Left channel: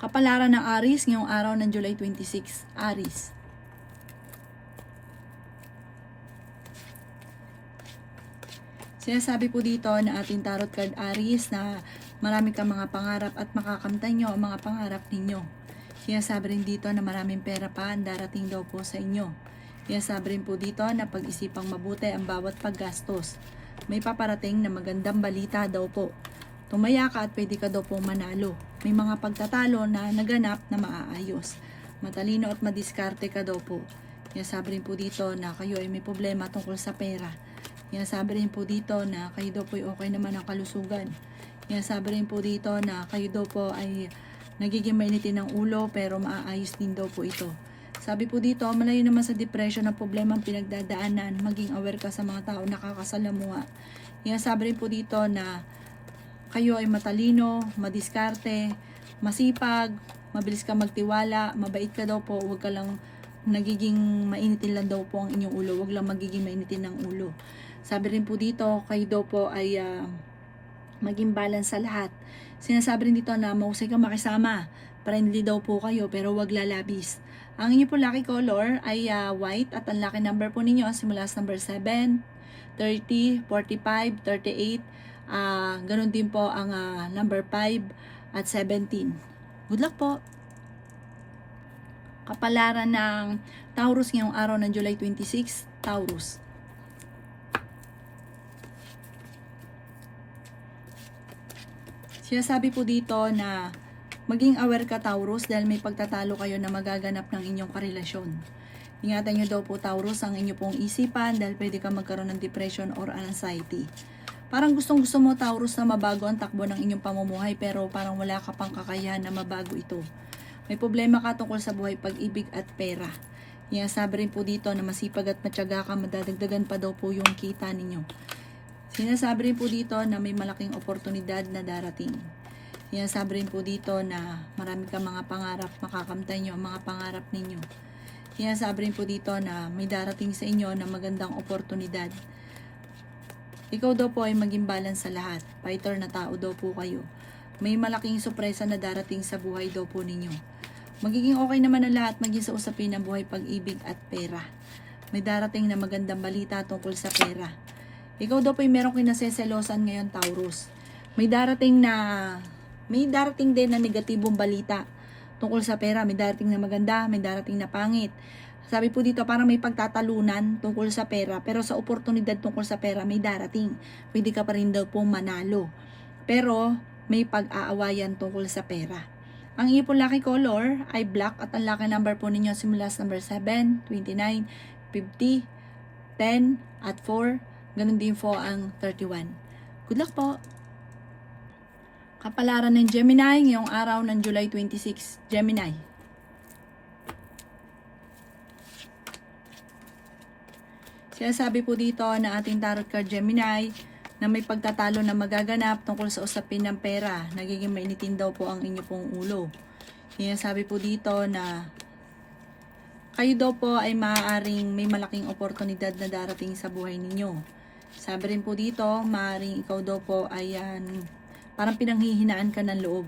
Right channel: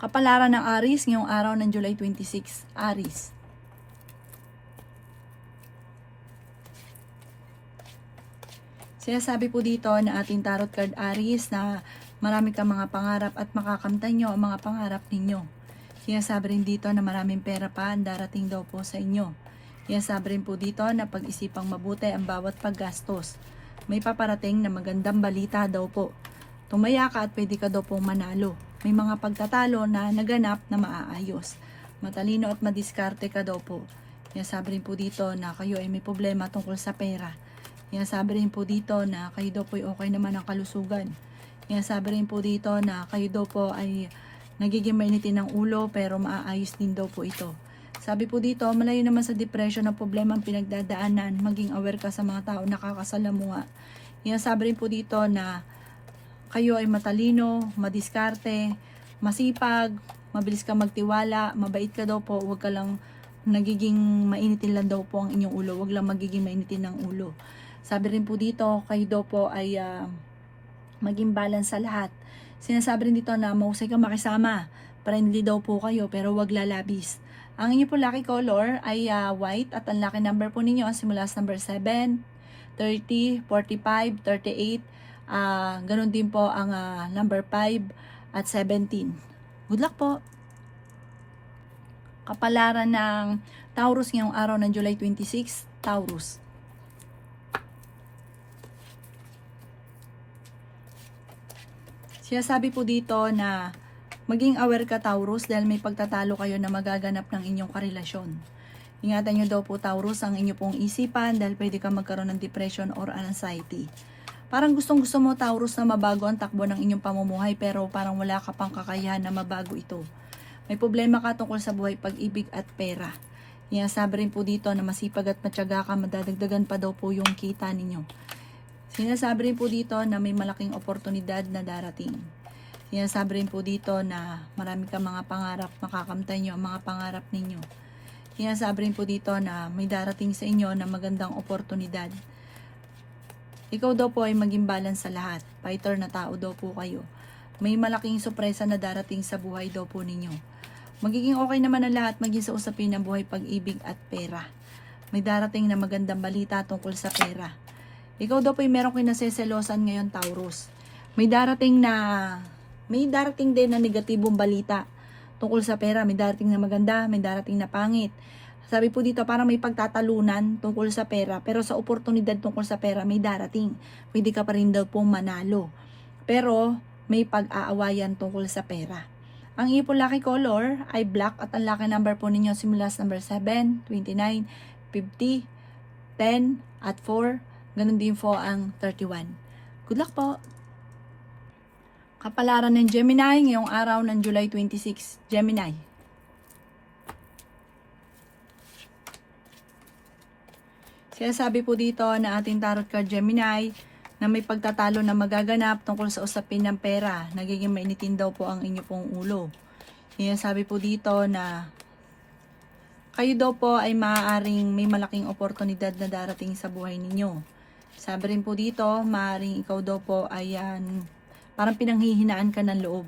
Kapalaran ng Aries ngayong araw ng July 26. Aries. Sinasabi po dito na ating tarot card Aries na marami kang mga pangarap at makakamtan nyo ang mga pangarap ninyo. Sinasabi rin dito na maraming pera pa ang darating daw po sa inyo. Sinasabi rin po dito na pag-isipang mabuti ang bawat paggastos. May paparating na magandang balita daw po. Tumaya ka at pwede ka daw pong manalo. May mga pagtatalo na naganap na maaayos. Matalino at madiskarte ka daw po. Sinasabi rin po dito na kayo ay may problema tungkol sa pera. Sinasabi rin po dito na kayo daw po ay okay naman ang kalusugan. Sinasabi rin po dito na kayo daw po ay nagiging mainitin ng ulo pero maaayos din daw po ito. Sabi po dito, malayo naman sa depression ang problema ang pinagdadaanan. Maging aware ka sa mga tao nakakasalamuha. Sinasabi rin po dito na kayo ay matalino, madiskarte, masipag, mabilis ka magtiwala, mabait ka daw po, huwag ka lang nagiging mainitin lang daw po ang inyong ulo, huwag lang magiging mainitin ng ulo. Sabi rin po dito, kayo daw po ay maging balance sa lahat. Sinasabi rin dito na mahusay kang makisama, friendly daw po kayo pero huwag lalabis. Ang inyo po lucky color ay white at ang lucky number po ninyo simula sa number 7, 30, 45, 38, ganun din po ang number 5 at 17. Good luck po! Kapalaran ng Taurus ngayong araw ng July 26, Taurus. Sinasabi po dito na maging aware ka Taurus dahil may pagtatalo kayo na magaganap ng inyong karelasyon. Ingatan nyo daw po Taurus ang inyong pong isipan dahil pwede ka magkaroon ng depression or anxiety. Parang gustong gusto mo Taurus na mabago ang takbo ng inyong pamumuhay pero parang wala ka pang kakayahan na mabago ito. May problema ka tungkol sa buhay, pag-ibig at pera. Sabi rin po dito na masipag at matyaga ka, madadagdagan pa daw po yung kita ninyo. Sinasabi rin po dito na may malaking oportunidad na darating. Sinasabi rin po dito na marami kang mga pangarap, makakamtan nyo ang mga pangarap ninyo. Sinasabi rin po dito na may darating sa inyo na magandang oportunidad. Ikaw daw po ay maging balance sa lahat. Fighter na tao daw po kayo. May malaking sorpresa na darating sa buhay daw po ninyo. Magiging okay naman ang lahat maging sa usapin ng buhay, pag-ibig at pera. May darating na magandang balita tungkol sa pera. Ikaw daw po ay meron kinaseselosan ngayon Taurus. May darating din na negatibong balita tungkol sa pera. May darating na maganda, may darating na pangit. Sabi po dito parang may pagtatalunan tungkol sa pera pero sa oportunidad tungkol sa pera may darating. Pwede ka pa rin daw pong manalo. Pero may pag-aawayan tungkol sa pera. Ang iyong lucky color ay black at ang lucky number po ninyo simula sa number 7, 29, 50, 10 at 4. Ganun din po ang 31. Good luck po! Kapalaran ng Gemini ngayong araw ng July 26. Gemini. Sinasabi po dito na ating tarot card Gemini na may pagtatalo na magaganap tungkol sa usapin ng pera. Nagiging mainitin daw po ang inyo pong ulo. Sinasabi po dito na kayo daw po ay maaaring may malaking oportunidad na darating sa buhay ninyo. Sabi rin po dito, maaaring ikaw daw po ay parang pinanghihinaan ka ng loob.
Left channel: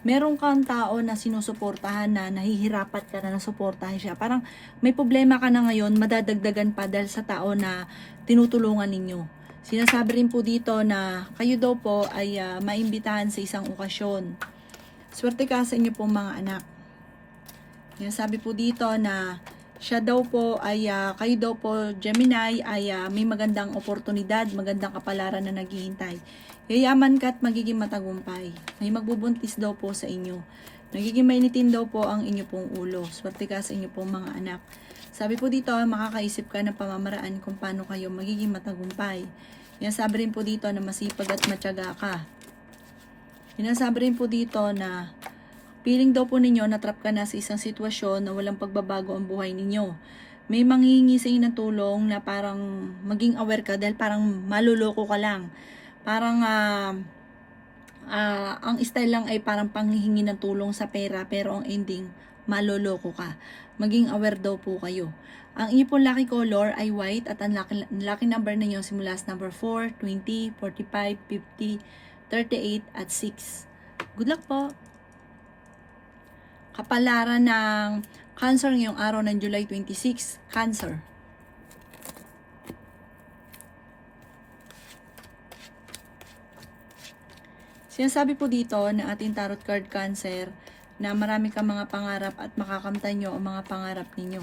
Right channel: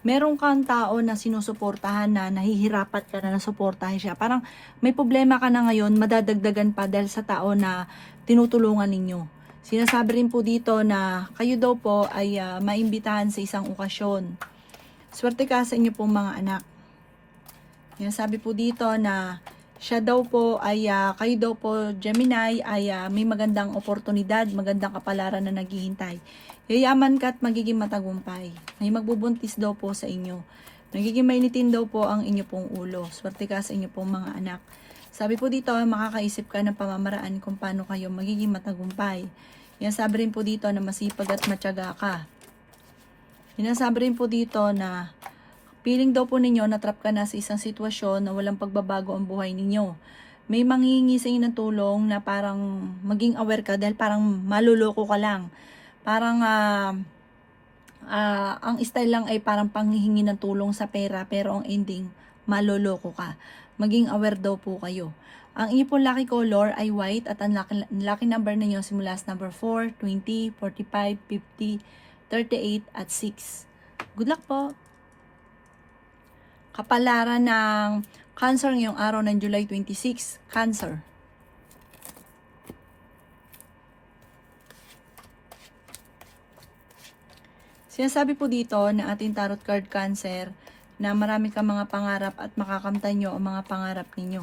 Meron kang tao na sinusuportahan na nahihirapat ka na nasuportahan siya. Parang may problema ka na ngayon, madadagdagan pa dahil sa tao na tinutulungan ninyo. Sinasabi rin po dito na kayo daw po ay maimbitahan sa isang okasyon. Swerte ka sa inyo pong mga anak. Sinasabi po dito na siya daw po ay, kayo daw po Gemini ay may magandang oportunidad, magandang kapalaran na naghihintay. Yayaman ka at magiging matagumpay. May magbubuntis daw po sa inyo. Nagiging mainitin daw po ang inyo pong ulo. Swerte ka sa inyo pong mga anak. Sabi po dito, makakaisip ka ng pamamaraan kung paano kayo magiging matagumpay. Sabi rin po dito na masipag at matyaga ka. Sinasabi rin po dito na feeling daw po ninyo natrap ka na sa isang sitwasyon na walang pagbabago ang buhay ninyo. May manghihingi sa inyo ng tulong na parang maging aware ka dahil parang maluloko ka lang. Parang ang style lang ay parang panghihingi ng tulong sa pera pero ang ending maluloko ka. Maging aware daw po kayo. Ang inyo pong lucky color ay white at ang lucky number ninyo simula sa number 4, 20, 45, 50, 38 at 6. Good luck po! Kapalaran ng Cancer ngayong araw ng July 26, Cancer. Sinasabi po dito na ating tarot card Cancer na marami kang mga pangarap at makakamtan nyo ang mga pangarap ninyo.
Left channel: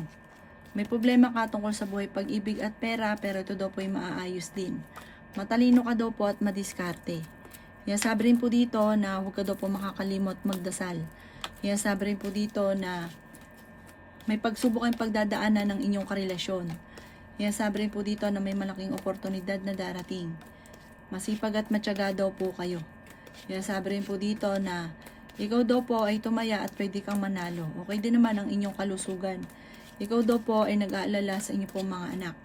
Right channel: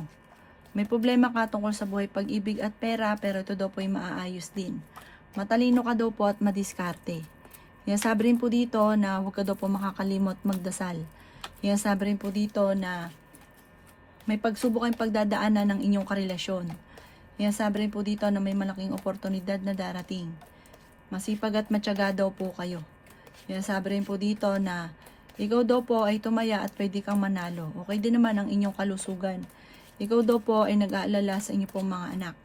May problema ka tungkol sa buhay, pag-ibig at pera, pero ito daw po ay maaayos din. Matalino ka daw po at madiskarte. Sinasabi rin po dito na huwag ka daw po makakalimot magdasal. Sinasabi rin po dito na may pagsubok ang pagdadaanan ng inyong karelasyon. Sinasabi rin po dito na may malaking oportunidad na darating. Masipag at matyaga daw po kayo. Sinasabi rin po dito na ikaw daw po ay tumaya at pwede kang manalo. Okay din naman ang inyong kalusugan. Ikaw daw po ay nag-aalala sa inyong pong mga anak.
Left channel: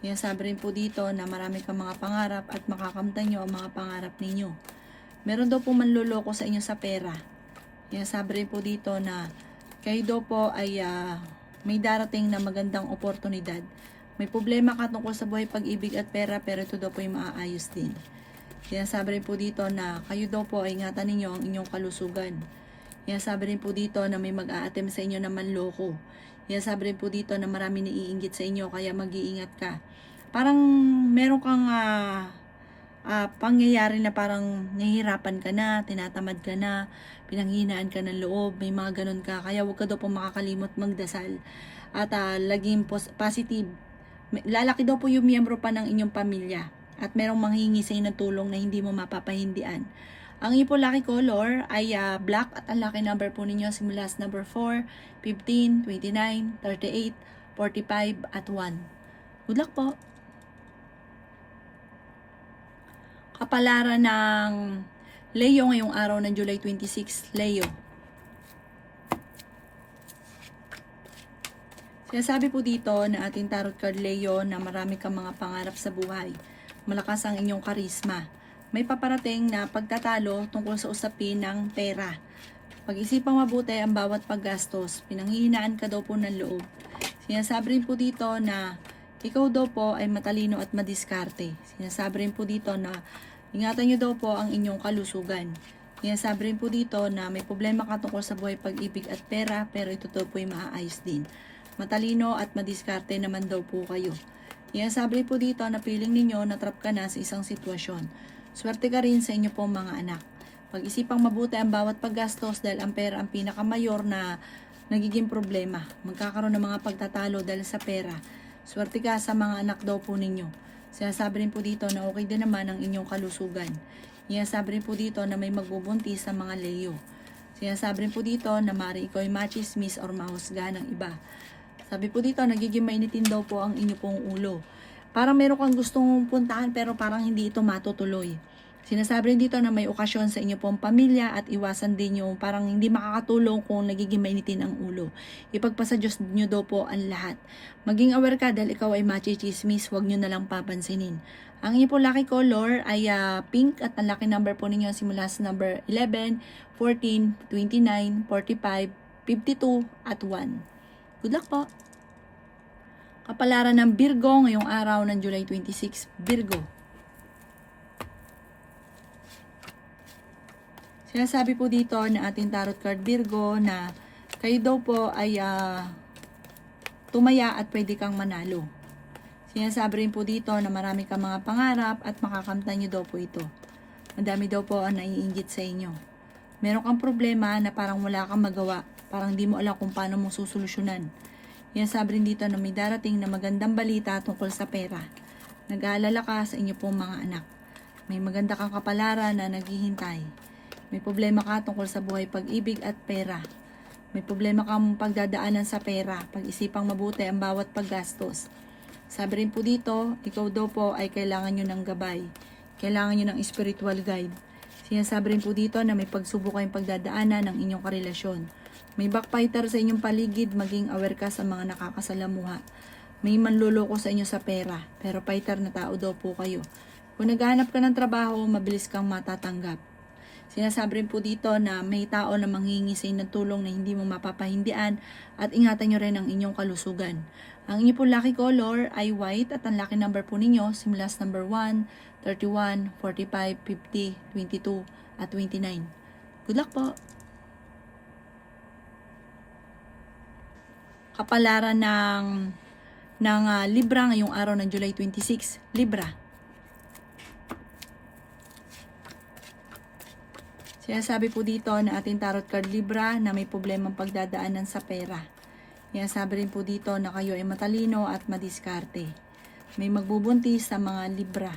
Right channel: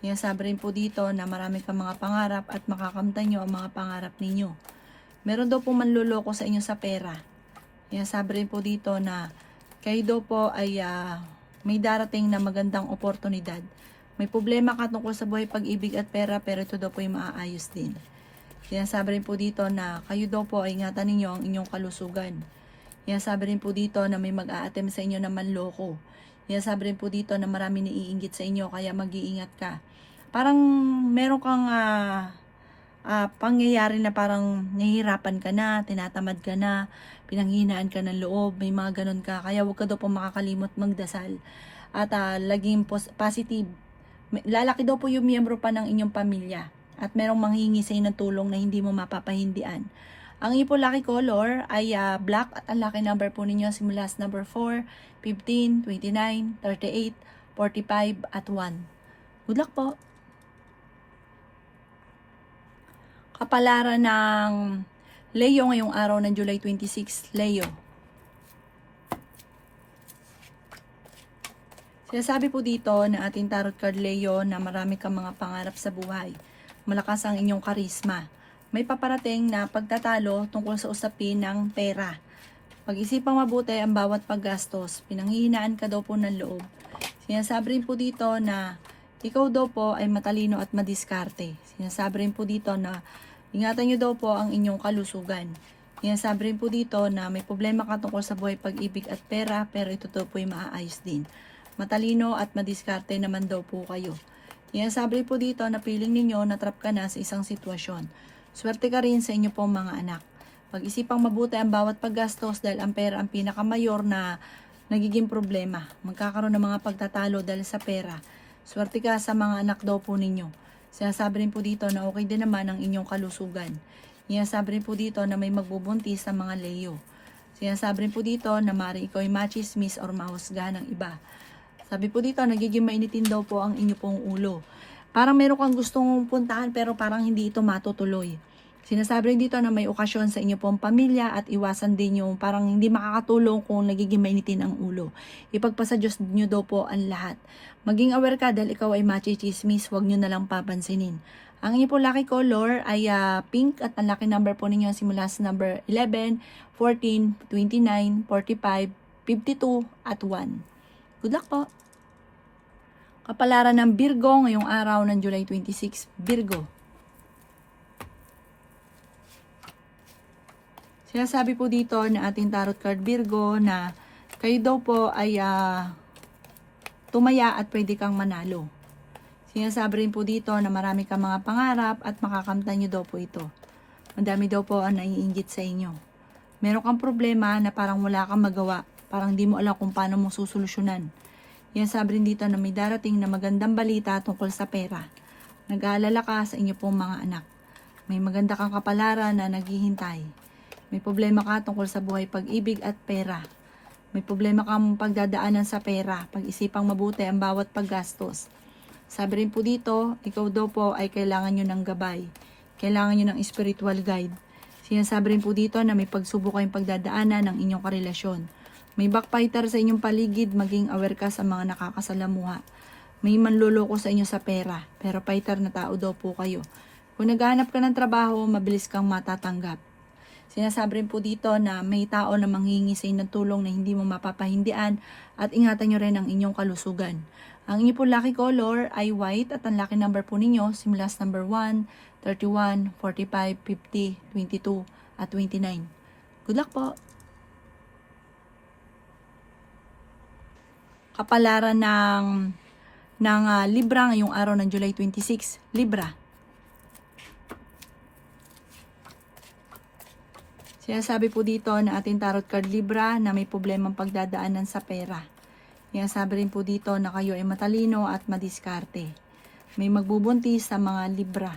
Sinasabi rin po dito na marami kang mga pangarap at makakamtan nyo ang mga pangarap ninyo. Meron daw po manluloko sa inyo sa pera. Sinasabi rin po dito na kayo daw po ay may darating na magandang oportunidad. May problema ka tungkol sa buhay, pag-ibig at pera, pero ito daw po ay maaayos din. Sinasabi rin po dito na kayo daw po ay ingatan ninyo ang inyong kalusugan. Sinasabi rin po dito na may mag-a-attempt sa inyo na manloko. Sinasabi rin po dito na marami naiinggit sa inyo, kaya mag-iingat ka. Parang meron kang pangyayari na parang nahihirapan ka na, tinatamad ka na, pinanghinaan ka ng loob, may mga ganun ka. Kaya huwag ka daw po makakalimot magdasal at laging positive. Lalaki daw po yung miyembro pa ng inyong pamilya at merong manghingi sa inyo ng tulong na hindi mo mapapahindian. Ang inyong po lucky color ay black at ang lucky number po ninyo simula sa number 4, 15, 29, 38, 45 at 1. Good luck po! Kapalaran ng Leo ngayong araw ng July 26, Leo. Sinasabi po dito na ating tarot card Leo na marami kang mga pangarap sa buhay. Malakas ang inyong karisma. May paparating na pagtatalo tungkol sa usapin ng pera. Pag-isipang mabuti ang bawat paggastos. Pinanghihinaan ka daw po ng loob. Sinasabi rin po dito na ikaw daw po ay matalino at madiskarte. Sinasabi rin po dito na ingatan nyo daw po ang inyong kalusugan. Sinasabi rin po dito na may problema ka tungkol sa buhay, pag-ibig at pera, pero ito daw po ay maaayos din. Matalino at madiskarte naman daw po kayo. Sinasabi rin po dito na feeling ninyo na trap ka na sa isang sitwasyon. Swerte ka rin sa inyo pong mga anak. Pag-isipang mabuti ang bawat paggastos dahil ang pera ang pinakamayor na nagiging problema. Magkakaroon ng mga pagtatalo dahil sa pera. Swerte ka sa mga anak daw po ninyo. Sinasabi rin po dito na okay din naman ang inyong kalusugan. Sinasabi rin po dito na may magbubuntis sa mga Leo. Sinasabi rin po dito na maaari ikaw ay machismis or mahusgahan ng iba. Sabi po dito, nagiging mainitin daw po ang inyo pong ulo. Parang meron kang gustong puntahan pero parang hindi ito matutuloy. Sinasabi rin dito na may okasyon sa inyo pong pamilya at iwasan din yung parang hindi makakatulong kung nagiging mainitin ang ulo. Ipagpasa Diyos nyo daw po ang lahat. Maging aware ka dahil ikaw ay machismis, huwag nyo na lang papansinin. Ang inyo po lucky color ay pink at ang lucky number po ninyo simula sa number 11, 14, 29, 45, 52 at 1. Good luck po! Kapalaran ng Virgo ngayong araw ng July 26, Virgo. Sinasabi po dito na ating tarot card Virgo na kayo daw po ay tumaya at pwede kang manalo. Sinasabi rin po dito na marami kang mga pangarap at makakamtan nyo daw po ito. Ang dami daw po ang naiinggit sa inyo. Meron kang problema na parang wala kang magawa. Parang hindi mo alam kung paano mo susolusyonan. Sinasabi rin dito na may darating na magandang balita tungkol sa pera. Nag-aalala ka sa inyo pong mga anak. May maganda kang kapalaran na naghihintay. May problema ka tungkol sa buhay, pag-ibig at pera. May problema kang pagdadaanan sa pera. Pag-isipang mabuti ang bawat paggastos. Sabi rin po dito, ikaw daw po ay kailangan nyo ng gabay. Kailangan nyo ng spiritual guide. Sinasabi rin po dito na may pagsubok kayong pagdadaanan ng inyong karelasyon. May backfighter sa inyong paligid, maging aware ka sa mga nakakasalamuha. May manloloko sa inyo sa pera, pero fighter na tao daw po kayo. Kung naghahanap ka ng trabaho, mabilis kang matatanggap. Sinasabi rin po dito na may tao na manghingi sa inyo ng tulong na hindi mo mapapahindian at ingatan nyo rin ang inyong kalusugan. Ang inyo po lucky color ay white at ang lucky number po ninyo simula sa number 1, 31, 45, 50, 22 at 29. Good luck po! Kapalaran ng Libra ngayong araw ng July 26. Libra. Sinasabi po dito na ating tarot card Libra na may problemang pagdadaanan sa pera. Sinasabi rin po dito na kayo ay matalino at madiskarte. May magbubuntis sa mga Libra.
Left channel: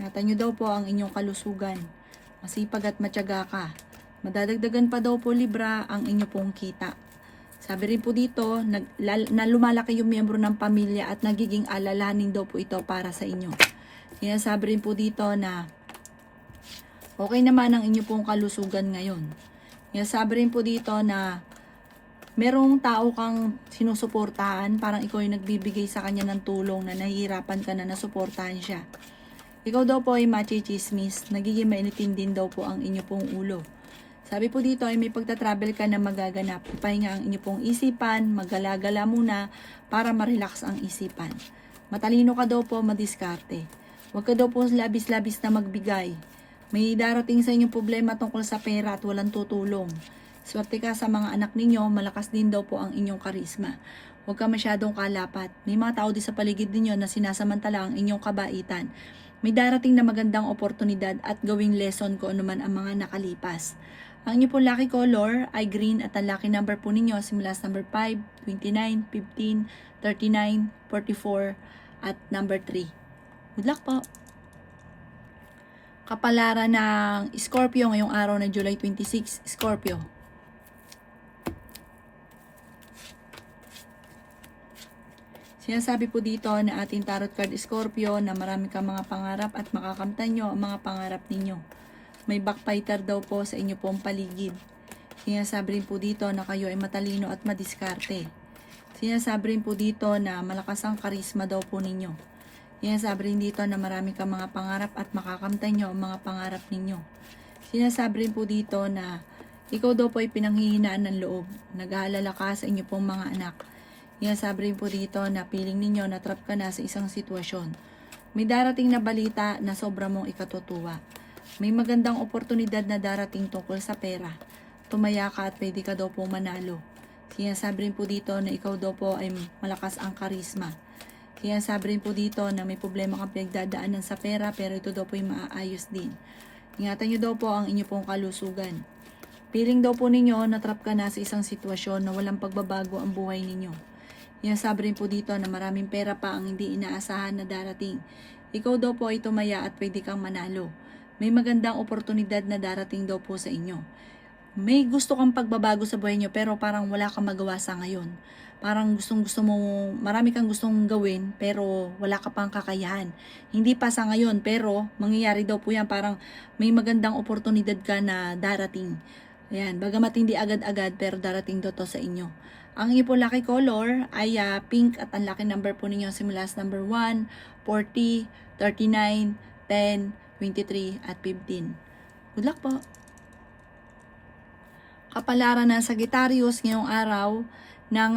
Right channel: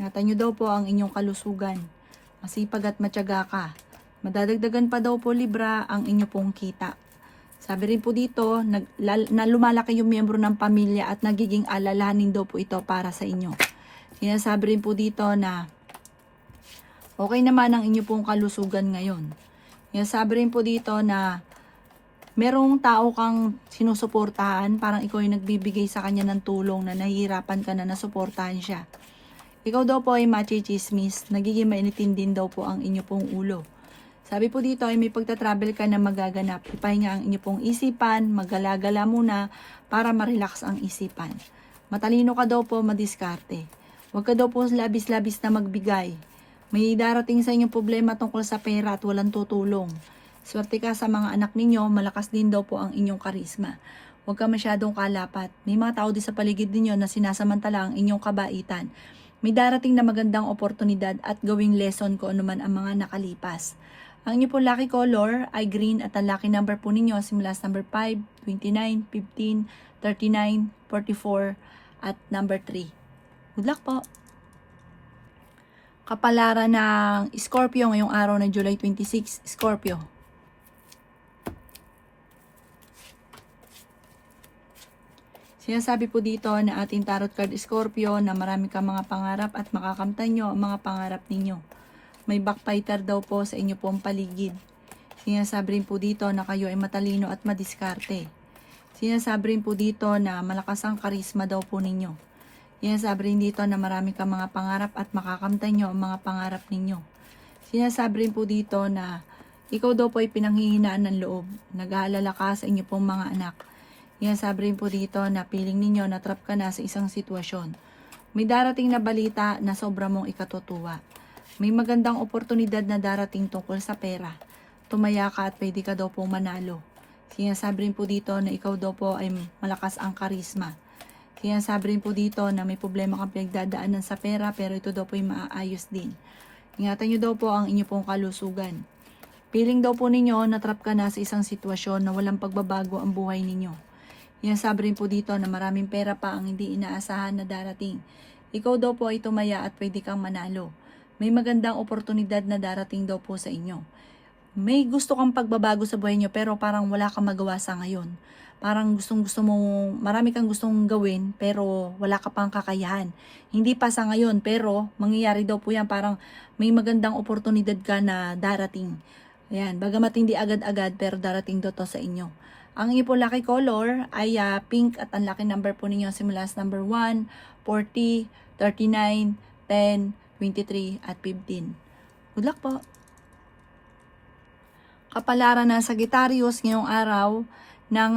Ingatan nyo daw po ang inyong kalusugan. Masipag at matyaga ka. Madadagdagan pa daw po Libra ang inyo pong kita. Sabi rin po dito na lumalaki yung miyembro ng pamilya at nagiging alalahanin daw po ito para sa inyo. Sinasabi rin po dito na okay naman ang inyo pong kalusugan ngayon. Sinasabi rin po dito na merong tao kang sinusuportahan, parang ikaw ay nagbibigay sa kanya ng tulong na nahihirapan ka na nasuportahan siya. Ikaw daw po ay machichismis, nagiging mainitin din daw po ang inyo pong ulo. Sabi po dito ay may pagta-travel ka na magaganap. Ipahinga ang inyo pong isipan, maggala-gala muna para ma-relax ang isipan. Matalino ka daw po, madiskarte. Huwag ka daw po labis-labis na magbigay. May darating sa inyong problema tungkol sa pera at walang tutulong. Swerte ka sa mga anak ninyo, malakas din daw po ang inyong karisma. Huwag ka masyadong kalapat. May mga tao din sa paligid ninyo na sinasamantala ang inyong kabaitan. May darating na magandang oportunidad at gawing lesson ko anuman ang mga nakalipas. Ang inyo po lucky color ay green at ang lucky number po ninyo simula sa number 5, 29, 15, 39, 44 at number 3. Good luck po! Kapalaran ng Scorpio ngayong araw ng July 26, Scorpio. Sinasabi po dito na ating tarot card Scorpio na marami kang mga pangarap at makakamtan nyo ang mga pangarap ninyo. May backfighter daw po sa inyo pong paligid. Sinasabi rin po dito na kayo ay matalino at madiskarte. Sinasabi rin po dito na malakas ang karisma daw po ninyo. Sinasabi rin dito na marami kang mga pangarap at makakamtan nyo ang mga pangarap ninyo. Sinasabi rin po dito na ikaw daw po ay pinanghihinaan ng loob. Nag-aalala ka sa inyo pong mga anak. Sinasabi rin po dito na feeling ninyo na trap ka na sa isang sitwasyon. May darating na balita na sobra mong ikatutuwa. May magandang oportunidad na darating tungkol sa pera. Tumaya ka at pwede ka daw po manalo. Sinasabi rin po dito na ikaw daw po ay malakas ang karisma. Sinasabi rin po dito na may problema kang pinagdadaanan sa pera pero ito daw po ay maaayos din. Ingatan nyo daw po ang inyo pong kalusugan. Feeling daw po ninyo na trap ka na sa isang sitwasyon na walang pagbabago ang buhay ninyo. Sinasabi rin po dito na maraming pera pa ang hindi inaasahan na darating. Ikaw daw po ay tumaya at pwede kang manalo. May magandang oportunidad na darating daw po sa inyo. May gusto kang pagbabago sa buhay nyo pero parang wala kang magawa sa ngayon. Parang gusto mong, marami kang gustong gawin pero wala ka pang kakayahan. Hindi pa sa ngayon pero mangyayari daw po yan. Parang may magandang oportunidad ka na darating. Ayan, bagamat hindi agad-agad pero darating daw to sa inyo. Ang inyo po lucky color ay pink at ang lucky number po ninyo simula sa number 1, 40, 39, 10, 23 at 15. Good luck po! Kapalaran ng Sagittarius ngayong araw ng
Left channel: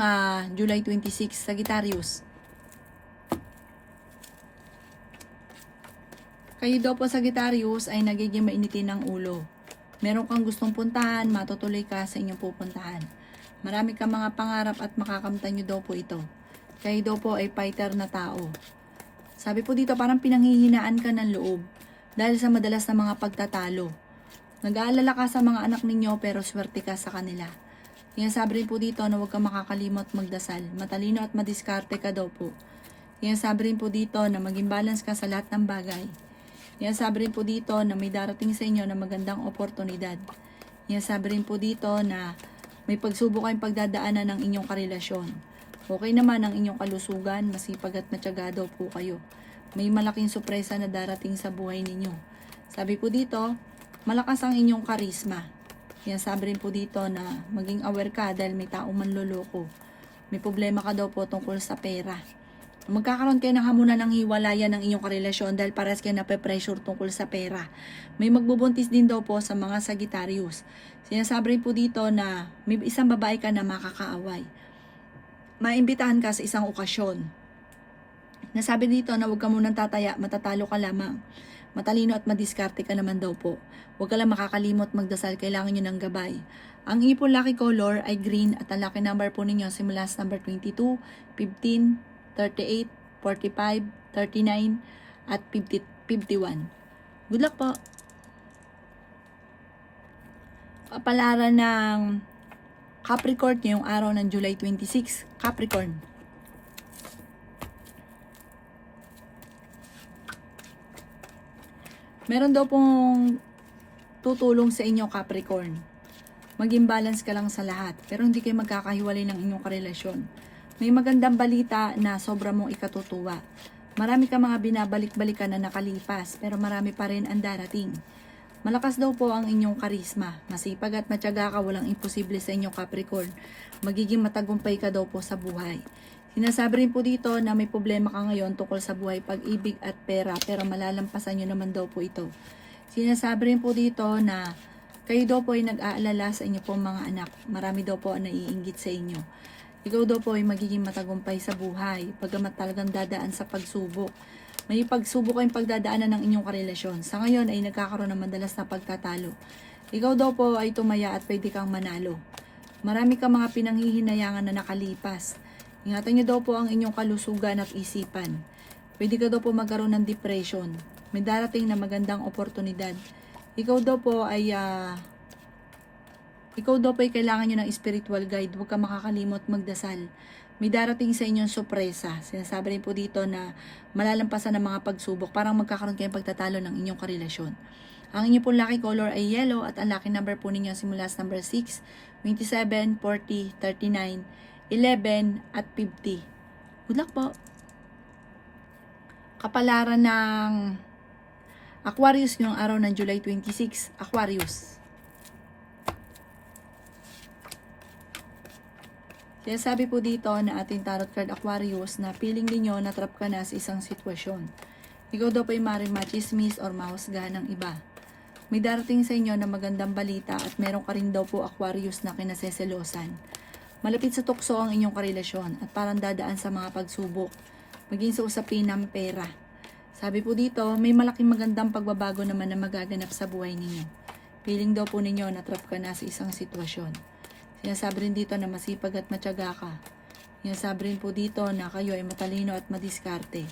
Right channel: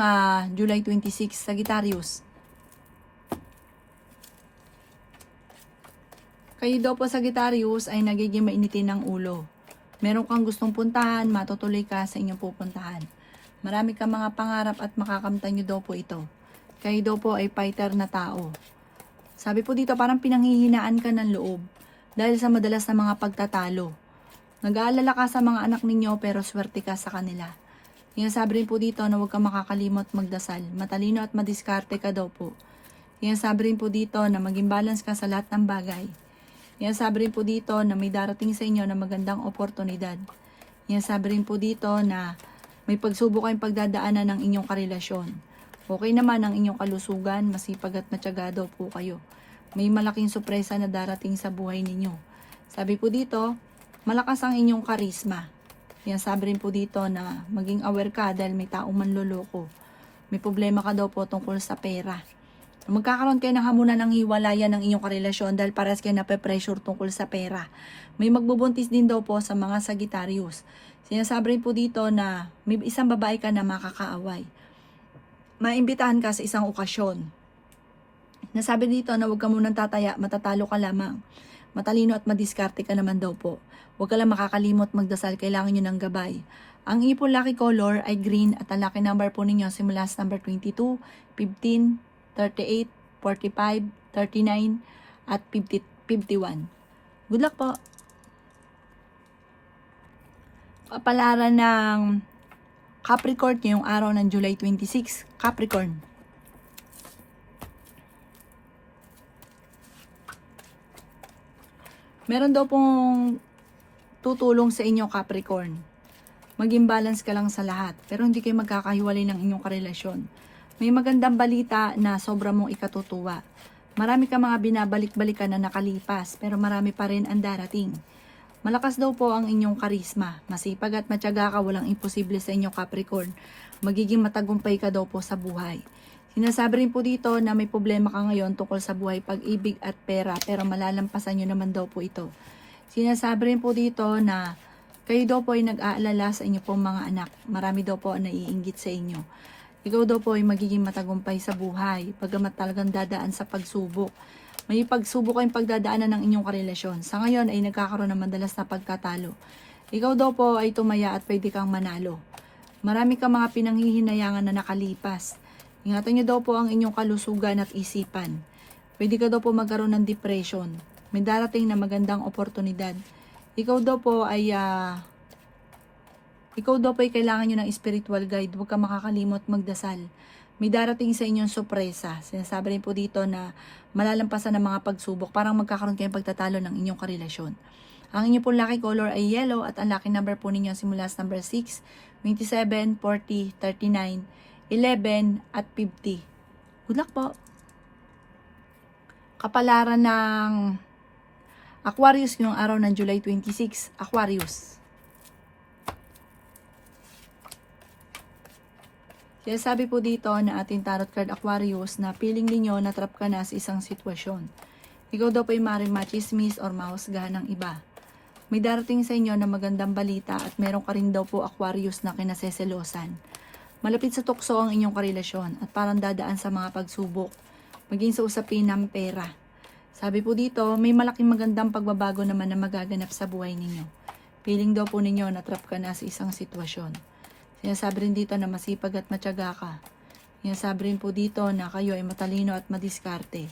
July 26, Sagittarius. Kayo daw po Sagittarius ay nagiging mainitin ng ulo. Meron kang gustong puntahan, matutuloy ka sa inyong pupuntahan. Marami kang mga pangarap at makakamtan nyo daw po ito. Kayo daw po ay fighter na tao. Sabi po dito parang pinanghihinaan ka ng loob dahil sa madalas na mga pagtatalo. Nag-aalala ka sa mga anak ninyo pero swerte ka sa kanila. Sinasabi rin po dito na huwag kang makakalimot magdasal. Matalino at madiskarte ka daw po. Sinasabi rin po dito na maging balance ka sa lahat ng bagay. Sinasabi rin po dito na may darating sa inyo na magandang oportunidad. Sinasabi rin po dito na may pagsubok kayong pagdadaanan ng inyong karelasyon. Okay naman ang inyong kalusugan, masipag at matyaga daw po kayo. May malaking sorpresa na darating sa buhay ninyo. Sabi po dito, malakas ang inyong karisma. Sinasabi rin po dito na maging aware ka dahil may taong manloloko. May problema ka daw po tungkol sa pera. Magkakaroon kayo ng hamunan ng hiwalayan ng inyong karelasyon dahil parehas kayo nape-pressure tungkol sa pera. May magbubuntis din daw po sa mga Sagittarius. Sinasabi rin po dito na may isang babae ka na makakaaway. Maimbitahan ka sa isang okasyon. Nasabi dito na huwag ka munang tataya, matatalo ka lamang. Matalino at madiskarte ka naman daw po. Huwag ka lang makakalimot magdasal, kailangan nyo ng gabay. Ang inyo po lucky color ay green at ang lucky number po ninyo simula sa number 22, 15, 38, 45, 39, at 50, 51. Good luck po! Kapalaran ng Capricorn ngayong araw ng July 26. Capricorn. Meron daw pong tutulong sa inyo, Capricorn. Maging balance ka lang sa lahat, pero hindi kayo magkakahiwalay ng inyong karelasyon. May magandang balita na sobra mong ikatutuwa. Marami ka mga binabalik-balikan na nakalipas, pero marami pa rin ang darating. Malakas daw po ang inyong karisma. Masipag at matyaga ka, walang imposible sa inyo, Capricorn. Magiging matagumpay ka daw po sa buhay. Sinasabi rin po dito na may problema ka ngayon tungkol sa buhay, pag-ibig at pera, pero malalampasan nyo naman daw po ito. Sinasabi rin po dito na kayo daw po ay nag-aalala sa inyo pong mga anak. Marami daw po ang naiinggit sa inyo. Ikaw daw po ay magiging matagumpay sa buhay, pagamat talagang dadaan sa pagsubok. May pagsubok kayong pagdadaanan ng inyong karelasyon. Sa ngayon ay nagkakaroon ng madalas na pagkatalo. Ikaw daw po ay tumaya at pwede kang manalo. Marami kang mga pinanghihinayangan na nakalipas. Ingatan niyo daw po ang inyong kalusugan at isipan. Pwede ka daw po magkaroon ng depression. May darating na magandang oportunidad. Ikaw daw po ay kailangan nyo ng spiritual guide. Huwag ka makakalimot magdasal. May darating sa inyong sorpresa. Sinasabi rin po dito na malalampasan ng mga pagsubok. Parang magkakaroon kayong pagtatalo ng inyong karelasyon. Ang inyong po lucky color ay yellow at ang lucky number po ninyo simula sa number 6, 27, 40, 39, 11, at 50. Good luck po! Kapalaran ng Aquarius ngayong araw ng July 26. Aquarius. Sinasabi po dito na ating tarot card Aquarius na feeling ninyo na trap ka na sa isang sitwasyon. Ikaw daw po ay maaaring machismis or mahusgahan ng iba. May darating sa inyo na magandang balita at meron ka rin daw po Aquarius na kinaseselosan. Malapit sa tukso ang inyong karelasyon at parang dadaan sa mga pagsubok, maging sa usapin ng pera. Sabi po dito, may malaking magandang pagbabago naman na magaganap sa buhay ninyo. Feeling daw po ninyo na trap ka na sa isang sitwasyon. Sinasabi rin dito na masipag at matyaga ka. Sinasabi rin po dito na kayo ay matalino at madiskarte.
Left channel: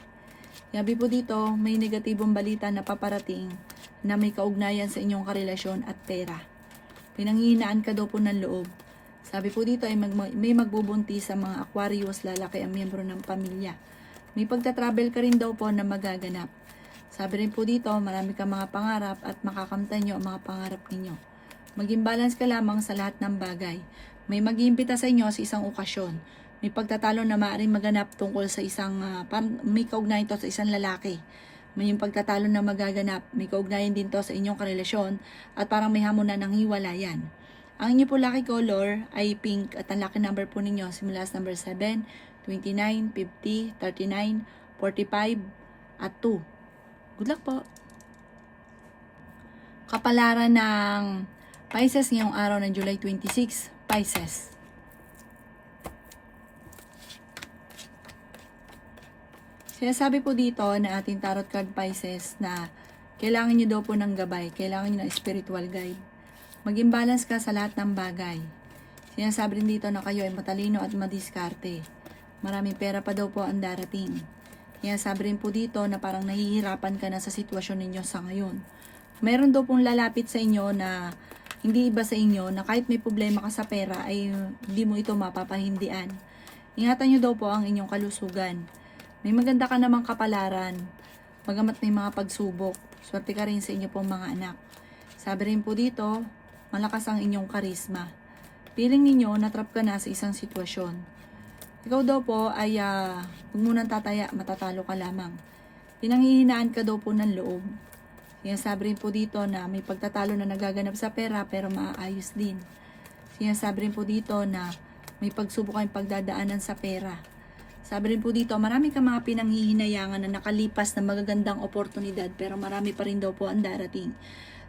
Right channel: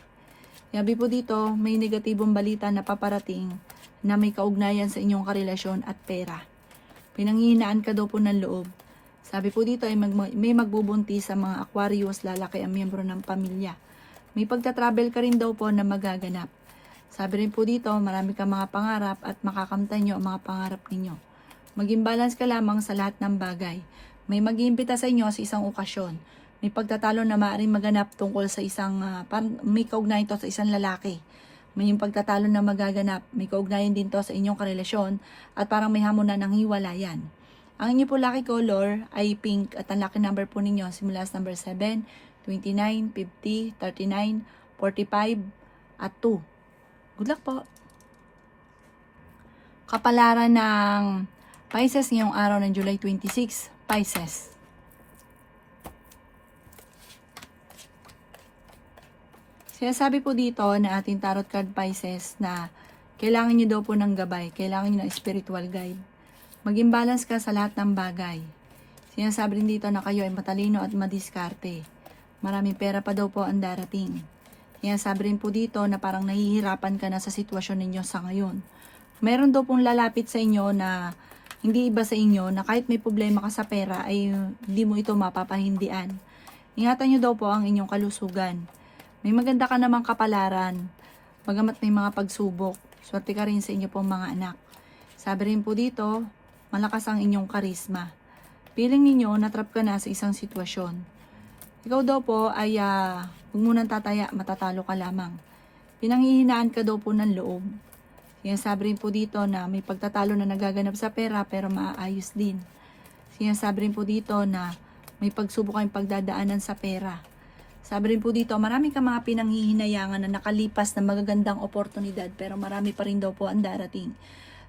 Sabi po dito, may negatibong balita na paparating na may kaugnayan sa inyong karelasyon at pera. Pinanghihinaan ka daw po ng loob. Sabi po dito ay may magbubuntis sa mga Aquarius, lalaki ang miyembro ng pamilya. May pagta-travel ka rin daw po na magaganap. Sabi rin po dito, marami kang mga pangarap at makakamtan nyo ang mga pangarap ninyo. Maging balance ka lamang sa lahat ng bagay. May mag-iimbita sa inyo sa isang okasyon. May pagtatalo na maaaring maganap tungkol sa isang, may kaugnayan to sa isang lalaki. May yung pagtatalo na magaganap, may kaugnayan din to sa inyong karelasyon at parang may hamunan ng hiwalayan. Ang inyo po lucky color ay pink at ang lucky number po ninyo simula sa number 7, 29, 50, 39, 45, at 2. Good luck po! Kapalaran ng Pisces ngayong araw ng July 26. Pisces. Sinasabi po dito na ating tarot card Pisces na kailangan nyo daw po ng gabay, kailangan nyo ng spiritual guide. Maging balance ka sa lahat ng bagay. Sinasabi rin dito na kayo ay matalino at madiskarte. Maraming pera pa daw po ang darating. Sinasabi rin po dito na parang nahihirapan ka na sa sitwasyon ninyo sa ngayon. Meron daw pong lalapit sa inyo na hindi iba sa inyo na kahit may problema ka sa pera ay hindi mo ito mapapahindian. Ingatan nyo daw po ang inyong kalusugan. May maganda ka namang kapalaran. Bagamat may mga pagsubok, swerte ka rin sa inyo pong mga anak. Sabi rin po dito, malakas ang inyong karisma. Feeling ninyo natrap ka na sa isang sitwasyon. Ikaw daw po ay huwag mo nang tataya, matatalo ka lamang. Pinanghihinaan ka daw po ng loob. Sinasabi rin po dito na may pagtatalo na nagaganap sa pera pero maaayos din. Sinasabi rin po dito na may pagsubok kayong pagdadaanan sa pera. Sabi rin po dito, marami kang mga pinanghihinayangan na nakalipas na magagandang oportunidad pero marami pa rin daw po ang darating.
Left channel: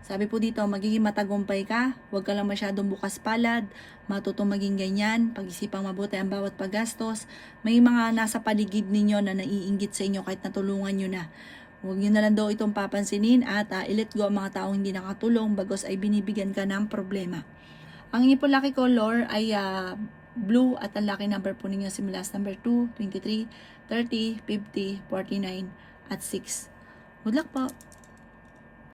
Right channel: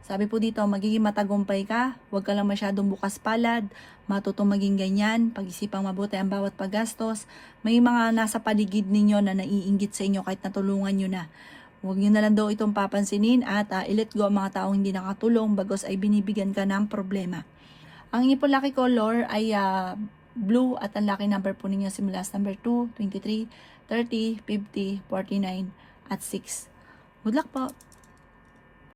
Sabi po dito, magiging matagumpay ka, huwag ka lang masyadong bukas palad, matutong maging ganyan, pag-isipang mabuti ang bawat paggastos. May mga nasa paligid ninyo na naiinggit sa inyo kahit natulungan nyo na. Huwag nyo na lang daw itong papansinin at i-let go ang mga taong hindi nakatulong bagos ay binibigyan ka ng problema. Ang inyo po lucky color ay blue at ang lucky number po ninyo simula sa number 2, 23, 30, 50, 49, at 6. Good luck po!